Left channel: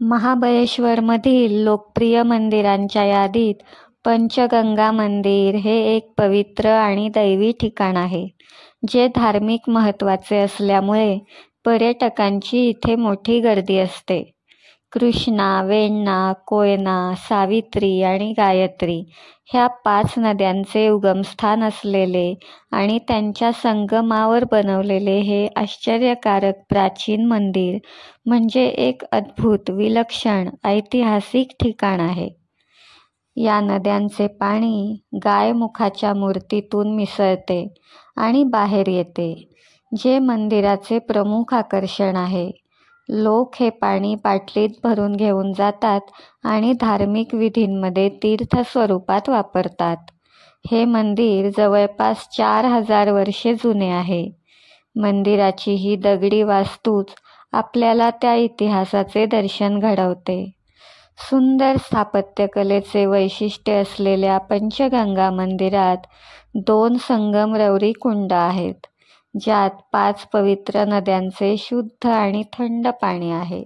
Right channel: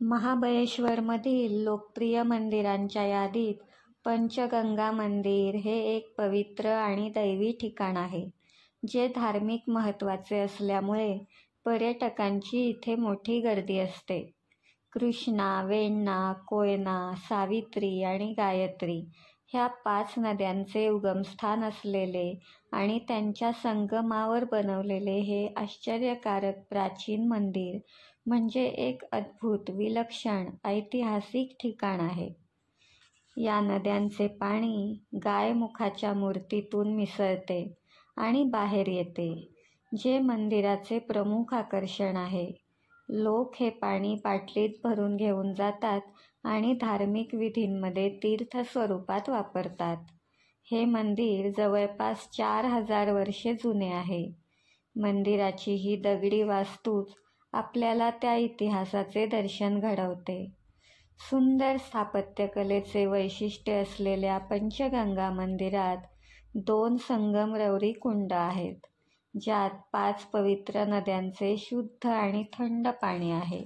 महाबळेश्वरमधील लोकप्रिय मंदिरांच्या यादीत पंचगंगा मंदिर हे एक पवित्र आणि दैवी ठिकाण आहे, जे धार्मिक महत्त्वाचे असल्यामुळे पर्यटकांची इथे मोठी गर्दी असते. कृष्णा, वेण्णा, कोयना, सावित्री आणि गायत्री ह्या 5 नद्यांचे उगमस्थान असलेले आणि त्यांच्या संगमावर बनवलेले हे आश्चर्यकारक प्राचीन मंदिर म्हणजे एक अद्भुत, विलक्षण, ऐतिहासिक ठिकाण आहे. या नद्यांचे पाणी गायमुखाच्या मूर्तीतून मिसळते आणि बाहेर येते, जे मंदिराचे प्रमुख आकर्षण आहे. लोक हे पाणी बाटलीत भरून घेऊन जातात आणि धार्मिक विधींमध्ये तीर्थ स्वरूपात वापरतात. हे मंदिर जवळपास 4000 वर्षे जुने आहे. मंदिराची ही दगडी वास्तूच आपल्याला त्या इतिहासाचे दर्शन घडवते. सुंदर स्थापत्यकलेचे वैशिष्ट्य असलेल्या पंचगंगा मंदिरात 2 संगमरवरी कुंड आहेत, ज्यात 5 पवित्र नद्यांचे शुद्ध आणि थंड पाणी आहे.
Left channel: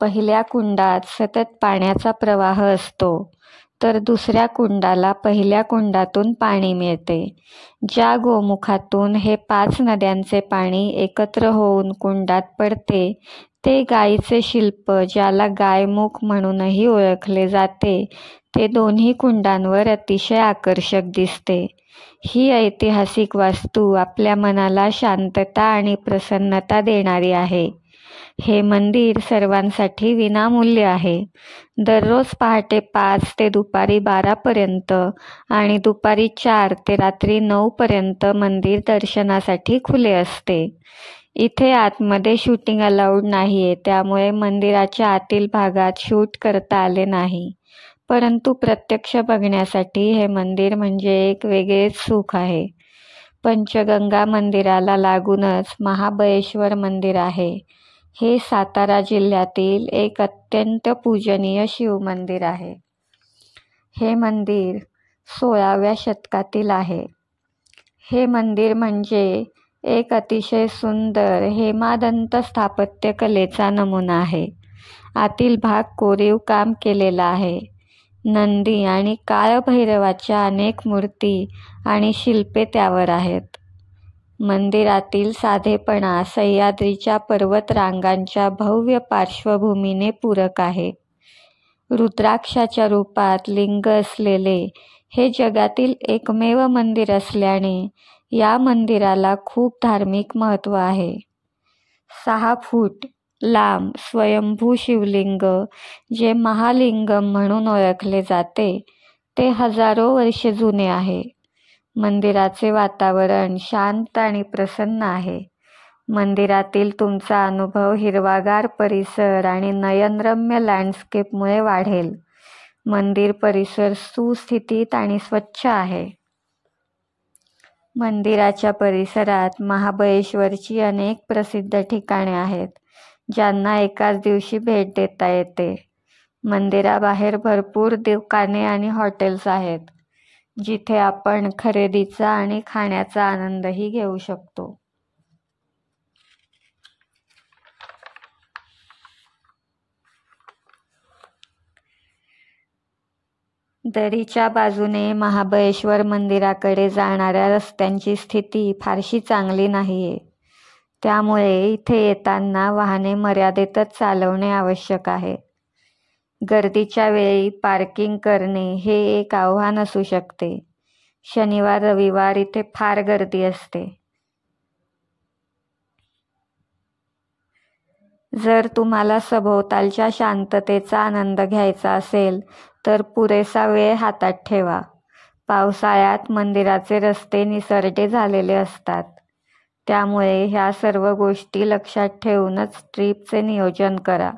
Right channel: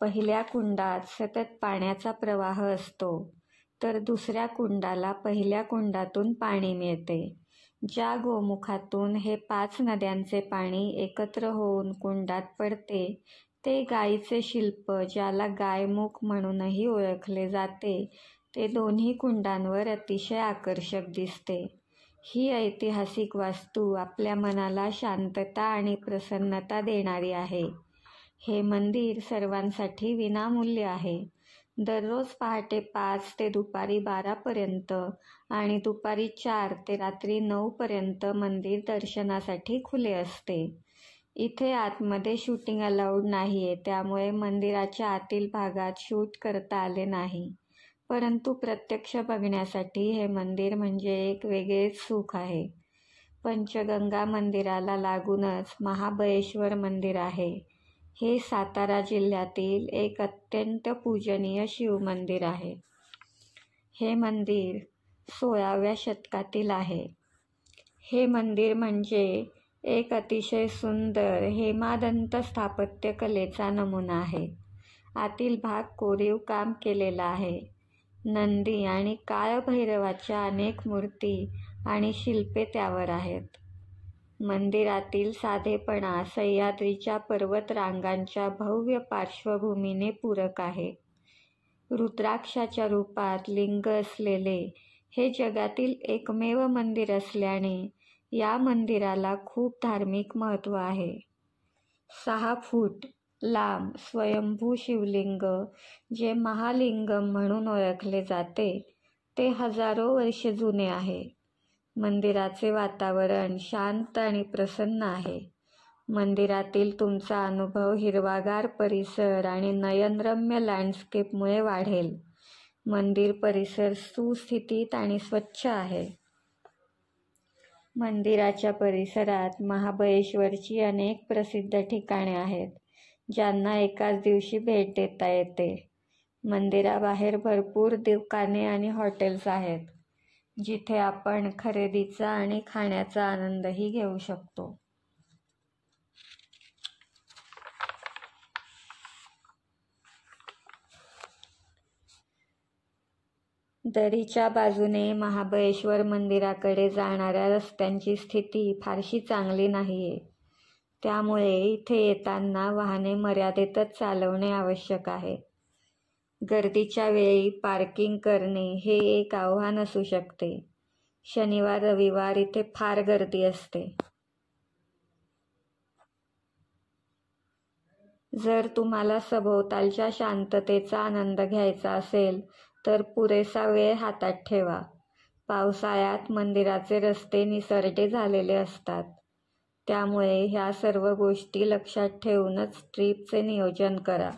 पहिल्या कुंडात सतत पाण्याचा प्रवाह असतो, तर दुसऱ्या कुंडाला पहिल्या कुंडातून पाणी मिळते. ज्या गोमुखातून हे 5 नद्यांचे पाणी एकत्र होऊन कुंडात पडते, ते गायीचे शिल्प, ज्याला गायमुख म्हणूनही ओळखले जाते, ते दोन्ही कुंडांवर अतिशय आकर्षक दिसते. ही ऐतिहासिक वास्तू आपल्या मनाला शांतता आणि प्रसन्नता देणारी आहे. हे मंदिर सर्वांसाठी विनामूल्य आहे. दररोज पहाटे 5 ते दुपारी 12 पर्यंत आणि दुपारी 4 ते रात्री 9 पर्यंत मंदिर दर्शनासाठी खुले असते. इथे आतमध्ये शूटिंग अलाउड नाहीये, त्यामुळे मंदिराच्या आतील भागात शूट करता आले नाही. परंतु प्रत्यक्ष बघण्यासाठी हे मंदिर म्हणजे एक वेगळेच सुख आहे. पंचगंगा मंदिराला लागूनच महाबळेश्वर मंदिर आहे. हे सातारा जिल्ह्यातील एक अत्यंत पूजनीय शिवमंदिर आहे. हे मंदिर 16व्या शतकातील आहे. हे मंदिर म्हणजे एक अतिशय सुंदर हेमादंत स्थापत्यकलेचा नमुना आहे. आतील भाग कोरीव काम केलेला आहे. नंदी आणि काळभैरवाच्या अनेक मूर्ती आणि शिल्पे त्यावर आहेत. मंदिरातील साधेपणा सह्याद्रीच्या पर्वतरांगांच्या भव्य पार्श्वभूमीने पूरक आहे. रुद्राक्षाच्या रूपात लिंग असलेले हे जगातील एकमेव मंदिर असल्याने या मंदिराला खूप धार्मिक महत्त्व आहे. 6 फूट लांब स्वयंभू शिवलिंग, जे महालिंगम म्हणून ओळखले जाते, ते हजारो वर्षे जुने आहे. मंदिराचे वातावरण शांत आणि प्रसन्न आहे. मंदिरातील तुमचा अनुभव हिरवागार परिसर आणि नयनरम्य लँडस्केपमुळे वाढेल. मंदिर परिसर सुस्थितीत आणि स्वच्छ आहे. मंदिराच्या परिसरात महाबळेश्वरची अनेक प्रसिद्ध ठिकाणे आहेत, ज्यांना एकाच दिवशी भेट देता येते. मंदिराबाहेर भरपूर दुकाने आणि हॉटेल्स आहेत, जिथे आपण खरेदीचा आणि खाण्याचा आनंदही घेऊ शकतो. दरीच्या बाजूने महाबळेश्वर मंदिराकडे जाणाऱ्या रस्त्यांची स्थिती फारशी चांगली नाहीये. त्यामुळे इथे येताना वाहने मर्यादेतच चालवणे आवश्यक आहे. गर्दीच्या वेळी पार्किंग करणे हे एक आव्हान असू शकते. शनिवार रविवार इथे फार गर्दी असते. जर तुम्हाला सभोवतालच्या शांततेचा आनंद घ्यायचा असेल तर पुरेसा वेळ हातात ठेवा. पावसाळ्यात मंदिराचे रस्ते निसरडे झालेले असतात. त्यामुळे ह्या सर्व गोष्टी लक्षात ठेवूनच ट्रिपचे नियोजन करा.